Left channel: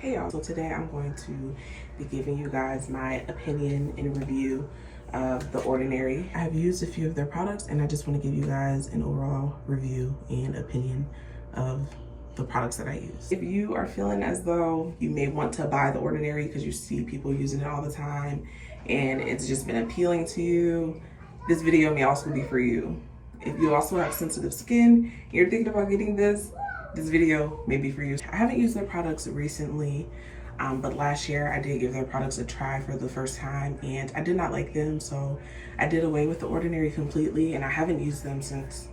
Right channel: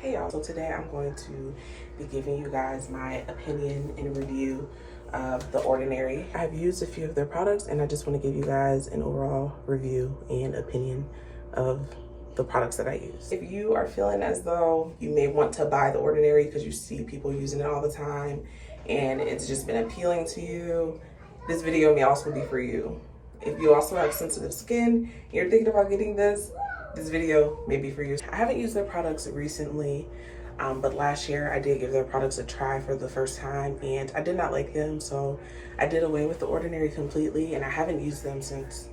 Hey y'all, so today I'm going to be giving you guys my opinion and review of The Ordinary. I've used a few of their products and I just want to give you guys an overall review and opinion of the products that I use. If you are feeling as though you may want to buy The Ordinary because you see people using it all the time and it's just been appealing to you, this video may also be for you. If you also have sensitive skin and you're thinking about getting this video may be for you. I haven't used their products recently, but last year I did give their products a try for the first time and I did not like them, so I did away with The Ordinary completely and I haven't used them since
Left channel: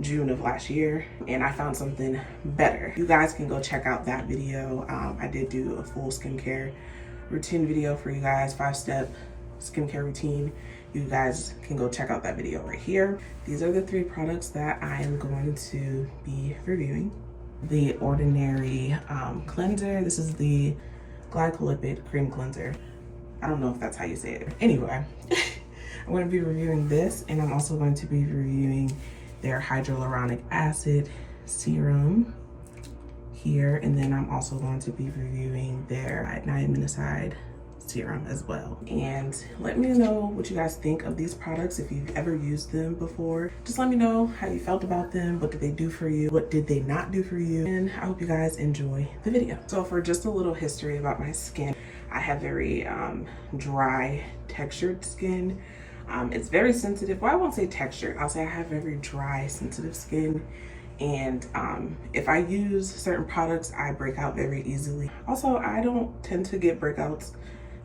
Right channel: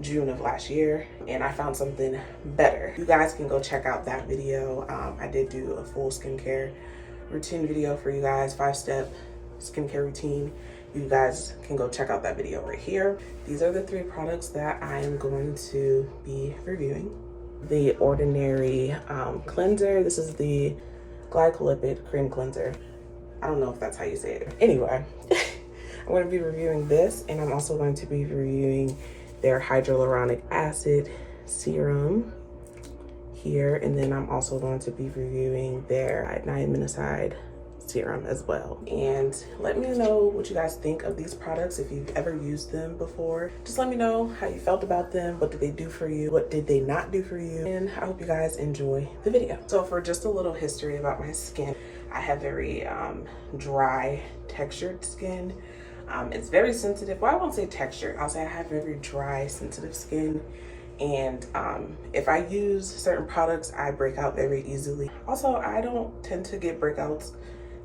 June of last year, and I found something better. You guys can go check out that video. I did do a full skincare routine video for you guys, 5-step skincare routine. You guys can go check out that video right here. These are the 3 products that I am going to be reviewing. The Ordinary cleanser. This is the glycolipid cream cleanser. I don't know if that's how you say it. Anyway, I'm going to be reviewing this, and I'm also going to be reviewing their hyaluronic acid serum here, and then I'm also going to be reviewing their niacinamide serum as well. And let me know what you guys think of these products. If you've ever used them before, just let me know how you felt about them. What did they do for you? What did they not do for you? And I hope you guys enjoy the video. So for just a little history about my skin, I have very dry textured skin. It's very sensitive. Well, I won't say textured, I'll say I have very dry sensitive skin, and if I use certain products I break out very easily. Also, I don't tend to get breakouts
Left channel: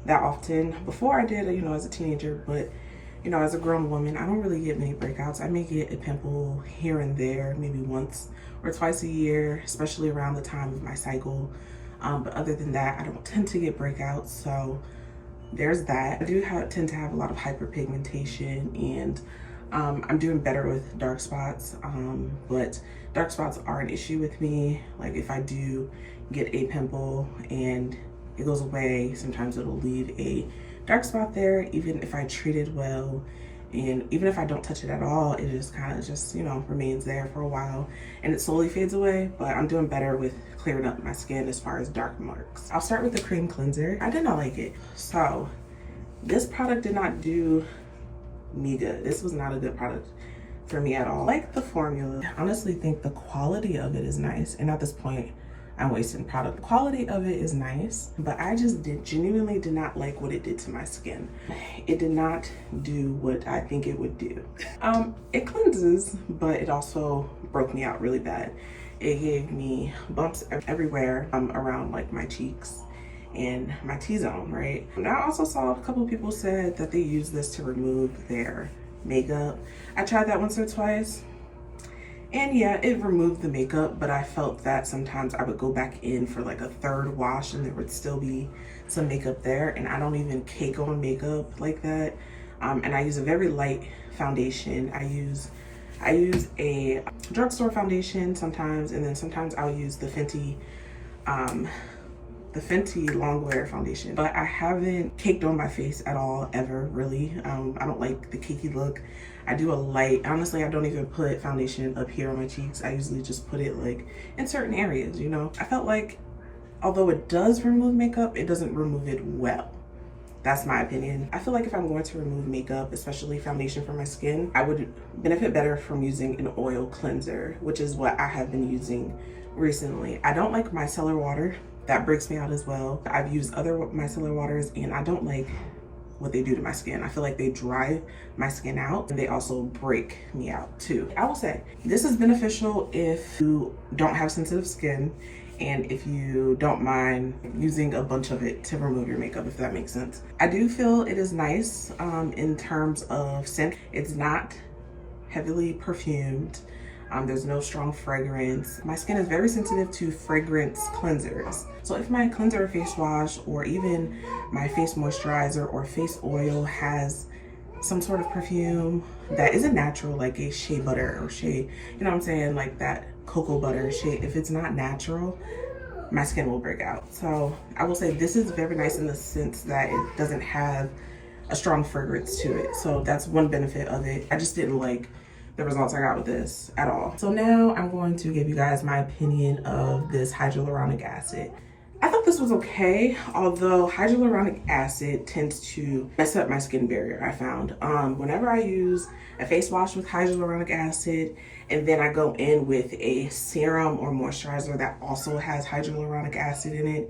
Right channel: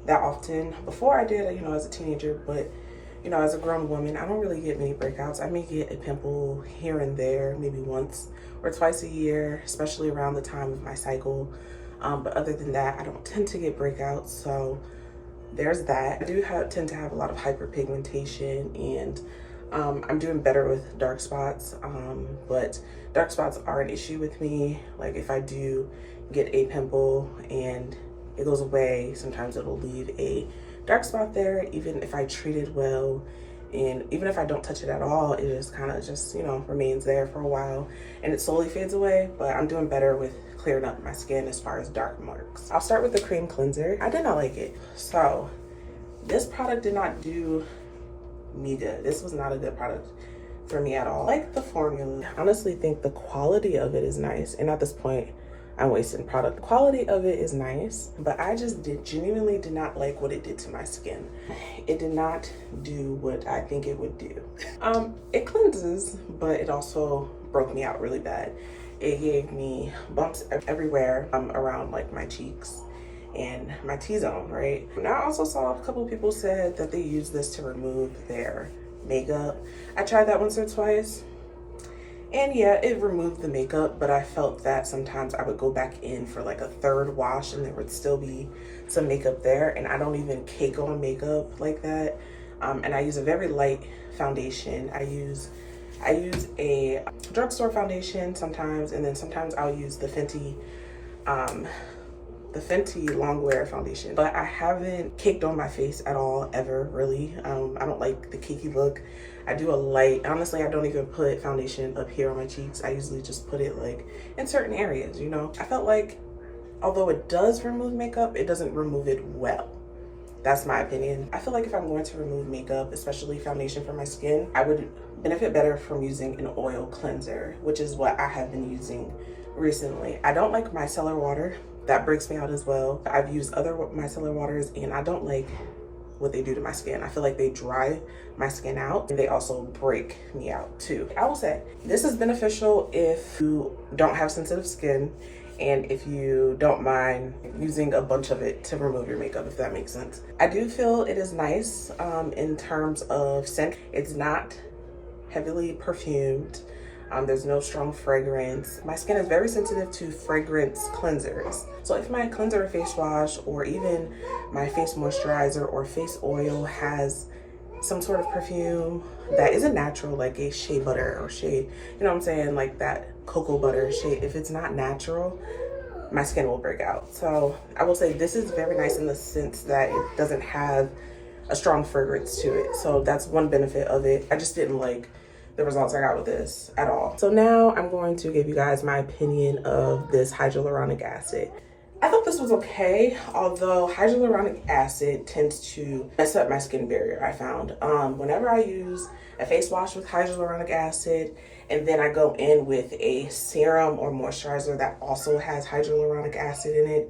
that often. Before I did, as a teenager, but as a grown woman, I don't really get many breakouts. I may get a pimple here and there, maybe once or twice a year, especially around the time of my cycle. But other than that, I don't tend to get breakouts, so there's that. I do tend to have a lot of hyperpigmentation, and I'm doing better with dark spots, but dark spots are an issue with me. Like if I do get a pimple and it goes away, sometimes it'll leave a dark spot there, even if I treat it well. And even if I don't touch it at all, it just kind of remains there for a while and it slowly fades away. But I'm doing better with clearing up my skin as far as dark marks. I'll start with the cream cleanser. I did not like it. So this product did not do me good. This was not a good product for me at all. I like the formula. I honestly think the quality of it is nice. And at this point, I'm wasting product. The quality of it is nice, but I just genuinely did not like what it did to my skin. It did not do what I think it would do. It cleanses, but it also broke me out really bad. It gave me bumps everywhere around like my cheeks and my T-zone, right? And I also saw a couple of people said that they use this to remove their makeup. I tried that once or twice. And yeah, it removed the makeup, but I felt that sometimes I would go back in for like a 3rd wash and there would still be some makeup there. And I don't even cake on makeup like that. And I use a very light foundation. I use a drugstore foundation sometimes, and then sometimes I'll use the Fenty Longwear foundation. But I haven't caked on my face at all, ever, really. I don't like the cakey look. I do a light, honestly, I don't even put foundation up here on my cheeks. I usually just put it like in certain areas, I felt like although it does remove makeup, it doesn't remove it well. That's my opinion. I feel like if I'm going to remove makeup, especially foundation for my skin, I would benefit better from using an oil cleanser, which is what I have been using recently. I don't like micellar water. That breaks me out as well. I've used other micellar waters and I don't like what they do to my skin. I feel like they dry my skin out and they also break me out too. I will say this is beneficial if you don't have sensitive skin and if you don't mind using a bunch of it to remove your makeup, if that makes sense. I do feel it is nice in terms of scent. It's not heavily perfumed. There's no strong fragrance. My skin is very sensitive to fragrance cleansers. So if my cleanser or face wash or even my face moisturizer or face oil has some sort of perfume that isn't natural, like a shea butter or shea, like that cocoa butter shea, if it's not natural, my skin will break out. So I will say this is very nice in the sense that it doesn't have a strong fragrance to it. So that's one benefit of it. I just didn't like the results I got with this at all. So now I'm going to give you guys my opinion of this hyaluronic acid. I thought this was okay, although hyaluronic acid tends to mess up my skin barrier, I found. Whenever I use a face wash with hyaluronic acid, and then I go in with a serum or moisturizer that also has hyaluronic acid in it,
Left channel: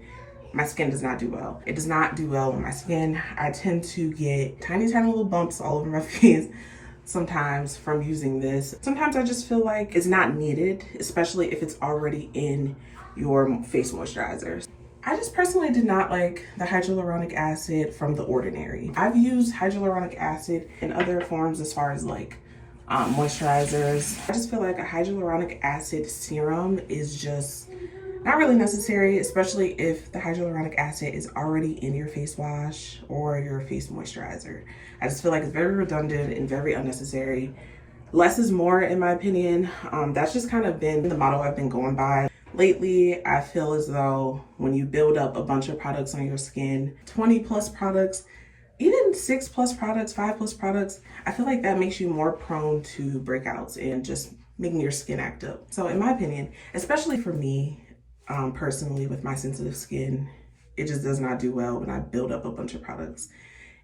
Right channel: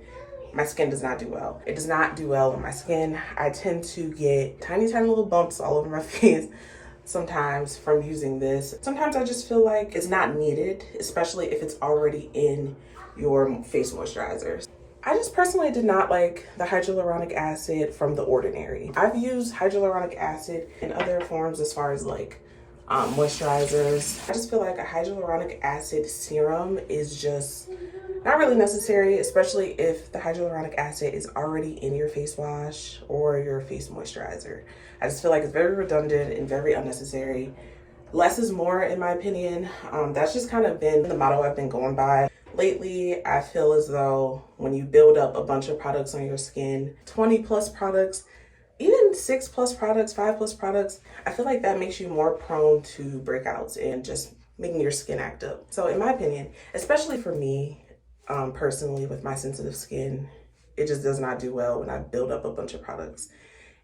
my skin does not do well. It does not do well on my skin. I tend to get tiny, tiny little bumps all over my face sometimes from using this. Sometimes I just feel like it's not needed, especially if it's already in your face moisturizer. I just personally did not like the hyaluronic acid from The Ordinary. I've used hyaluronic acid in other forms as far as like moisturizers. I just feel like a hyaluronic acid serum is just not really necessary, especially if the hyaluronic acid is already in your face wash or your face moisturizer. I just feel like it's very redundant and very unnecessary. Less is more, in my opinion. That's just kind of been the motto I've been going by. Lately, I feel as though when you build up a bunch of products on your skin, 20 plus products, even 6 plus products, 5 plus products, I feel like that makes you more prone to breakouts and just making your skin act up. So in my opinion, especially for me, personally with my sensitive skin, it just does not do well when I build up a bunch of products.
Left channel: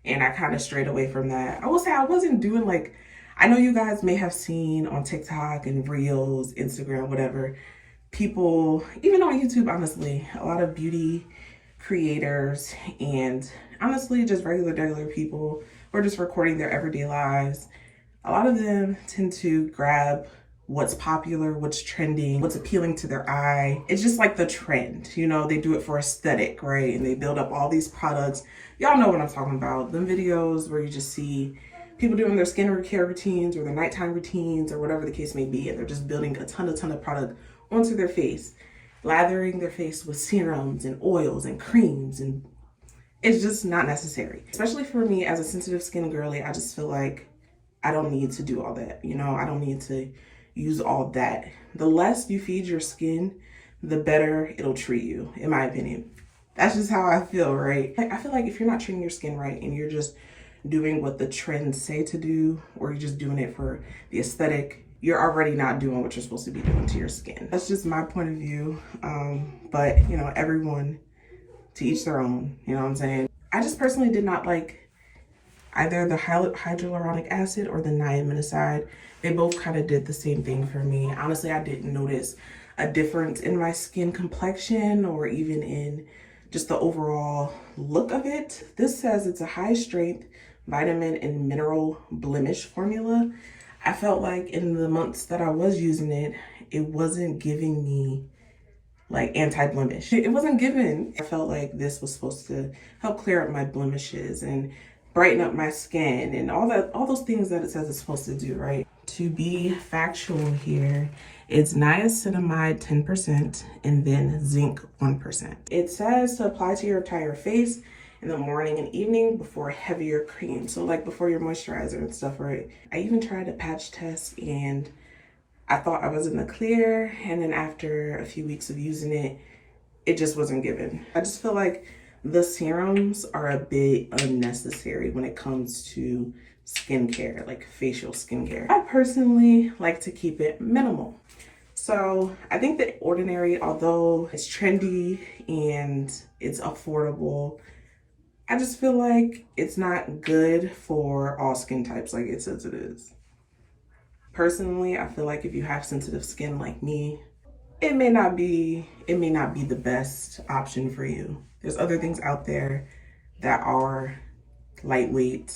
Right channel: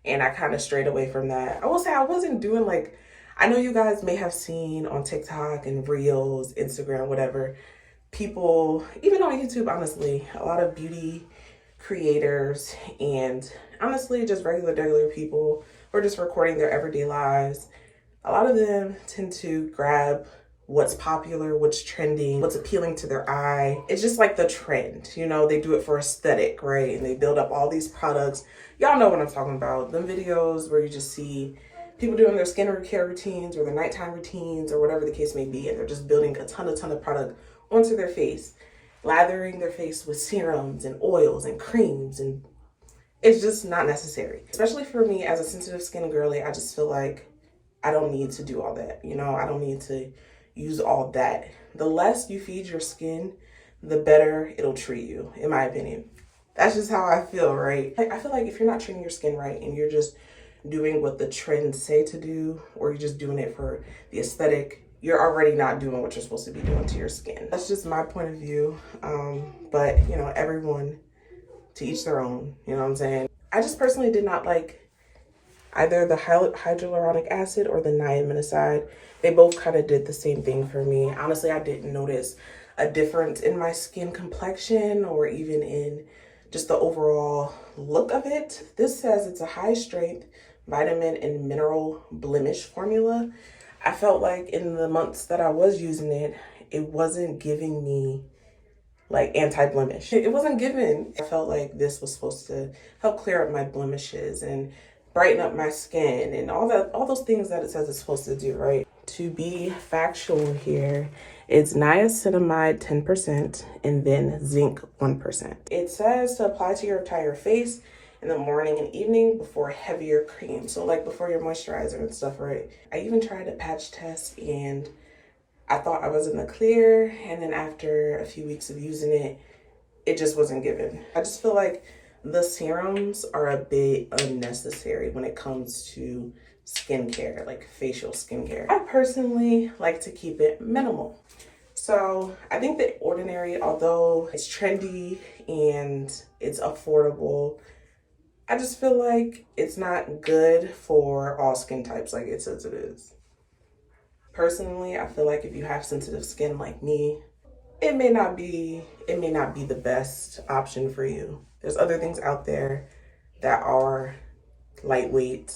And I kind of strayed away from that. I will say I wasn't doing like, I know you guys may have seen on TikTok and Reels, Instagram, whatever, people, even on YouTube, honestly, a lot of beauty creators and honestly just regular people who are just recording their everyday lives. A lot of them tend to grab what's popular, what's trending, what's appealing to their eye. It's just like the trend, you know, they do it for aesthetic, right? And they build up all these products. Y'all know what I'm talking about. Them videos where you just see people doing their skin care routines or their nighttime routines or whatever the case may be, and they're just building a ton of product onto their face, lathering their face with serums and oils and creams, and it's just not necessary. Especially for me as a sensitive skin girly, I just feel like I don't need to do all that. You know, I don't need to use all that. The less you feed your skin, the better it'll treat you, in my opinion. That's just how I feel, right? I feel like if you're not treating your skin right and you're just doing what the trends say to do, or you're just doing it for the aesthetic, you're already not doing what you're supposed to be doing to your skin. That's just my point of view. But you know, everyone to each their own, you know what I'm saying? I just personally did not like either the hyaluronic acid or the niacinamide. They both kind of did the same thing for me. Honestly, I didn't notice a difference in my skin complexion or even in just the overall look of it. This says it's a high strength vitamin and mineral blemish formula. I felt like in the months that I was using it, it wasn't giving me like anti-blemish. It wasn't given. I felt like this was supposed to help clear up my blemishes and brighten up my skin and all those things that it says it's supposed to do, right? To be factual here, it's niacinamide 10% and then zinc 1%. It says to apply to your entire face in the morning and evening before heavier cream. So like before your moisturizer and stuff, right? I even tried a patch test and I thought I was in the clear. And then after a few weeks of using it, it just wasn't given. I just feel like the serums are a bit unnecessary when it comes to skincare, like facial skincare. I personally like to keep it minimal. So I think The Ordinary, although it's trendy and it's affordable, I just feel like it's not good for all skin types like it says it is. Personally, I feel like if you have sensitive skin like me, it may not be the best option for you. There's other things out there that are lightweight,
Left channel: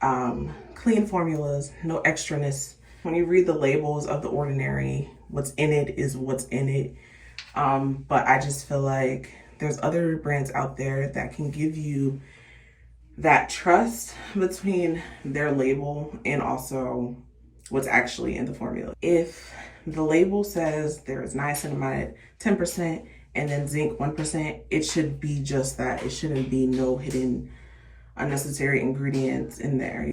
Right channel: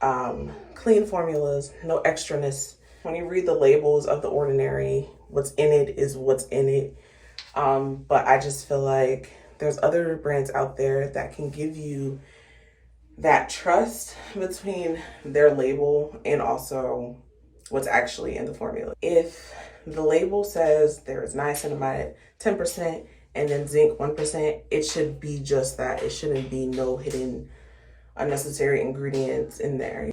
clean formulas, no extraness. When you read the labels of The Ordinary, what's in it is what's in it. But I just feel like there's other brands out there that can give you that trust between their label and also what's actually in the formula. If the label says there is niacinamide 10% and then zinc 1%, it should be just that. It shouldn't be no hidden unnecessary ingredients in there.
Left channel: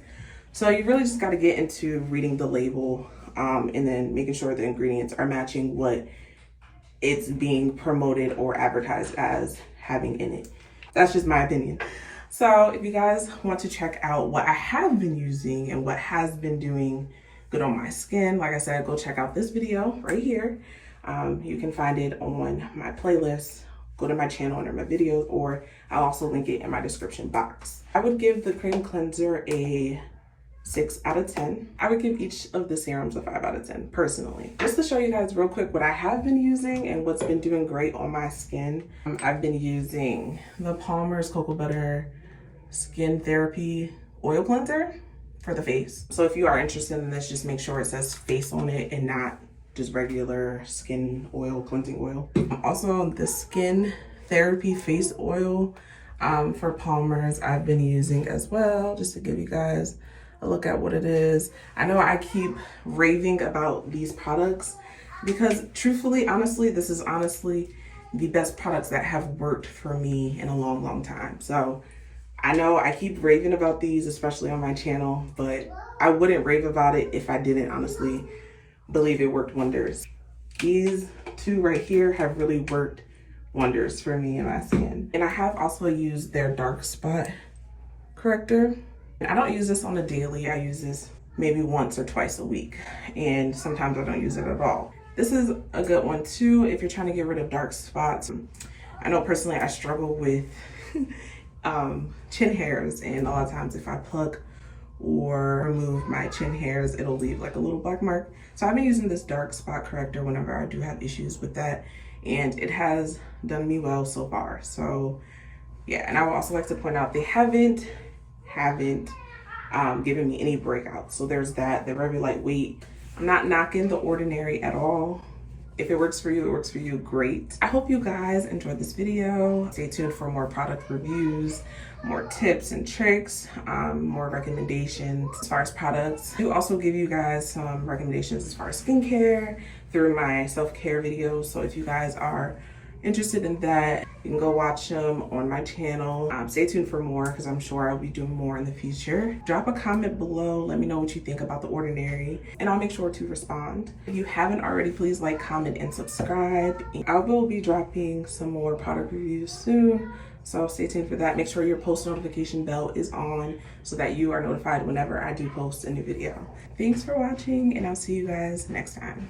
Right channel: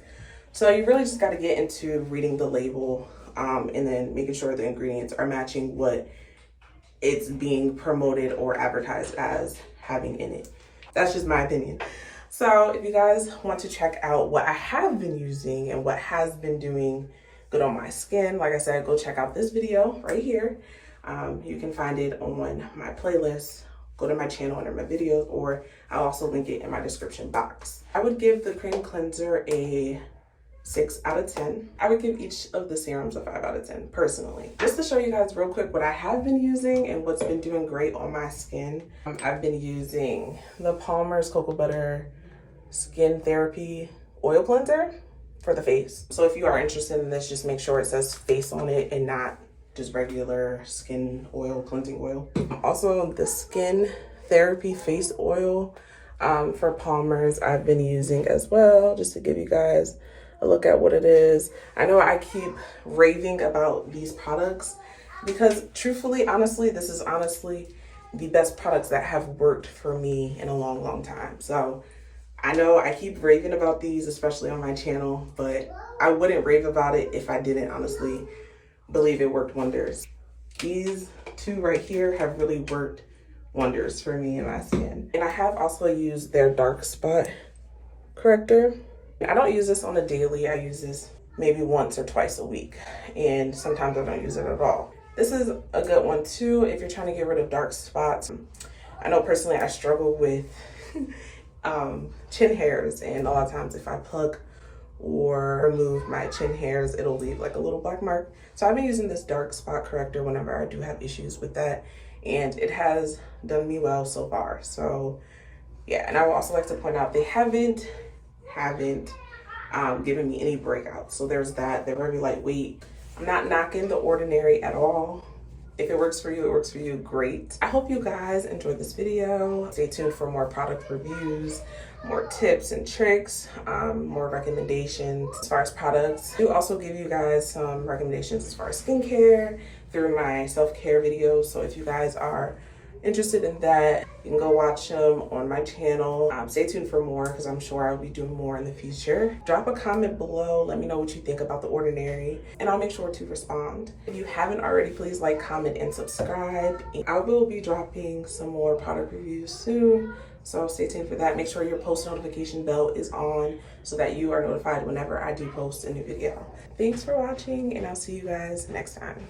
So you really just got to get into reading the label and then making sure the ingredients are matching what it's being promoted or advertised as having in it. That's just my opinion. So if you guys want to check out what I have been using and what has been doing good on my skin, like I said, go check out this video right here. You can find it on my playlist go to my channel under my videos, or I'll also link it in my description box. I would give the cream cleanser a 6 out of 10. I would give each of the serums a 5 out of 10 personally. Just to show you guys real quick what I have been using and what's been doing great on my skin. I've been using the Palmer's Cocoa Butter Skin Therapy Oil Cleanser for the face. So if you are interested in this, just make sure it says face on it and not just regular skin oil, cleansing oil. Also the Skin Therapy Face Oil for Palmer's I've been using as well, just to give you guys a look at what it is. I know I keep raving about these products because truthfully, honestly, this is honestly the best products that have worked for me in a long time. So I know I keep raving about these, especially on my channel, but I wouldn't rave about it if I didn't honestly believe it worked wonders. These two right here have really worked wonders for me and my skin. And I have also used their dark spot corrector. I don't use this on a daily. I use this maybe once or twice a week, and sometimes I don't use it at all. This is a good one too if you're trying to get rid of dark spots. I know personally I struggle with chin hairs, and a lot of times if I pluck or remove my chin hairs, it'll leave like a little black mark. So I've been using this dark spot corrector whenever I do have issues with that, and it has done me well so far. So yeah, and I would also like to point out they haven't given me any breakouts. So there's that. They're very lightweight. I'm not knocking The Ordinary at all. If it works for you, it works for you, great. I hope you guys enjoyed this video. Stay tuned for more product reviews, more tips and tricks, more recommendations as far as products. I do also give you guys some recommendations as far as skincare through my self-care videos. So if you guys are interested in that, you can go watch them on my channel. Stay tuned for more because I'm sure I'll be doing more in the future. Drop a comment below, let me know what you think about The Ordinary, and I'll make sure to respond. If you haven't already, please like, comment, and subscribe. I will be dropping some more product reviews soon, so stay tuned for that. Make sure your post notification bell is on so that you are notified whenever I do post a new video. Thanks for watching, and I'll see you guys next time.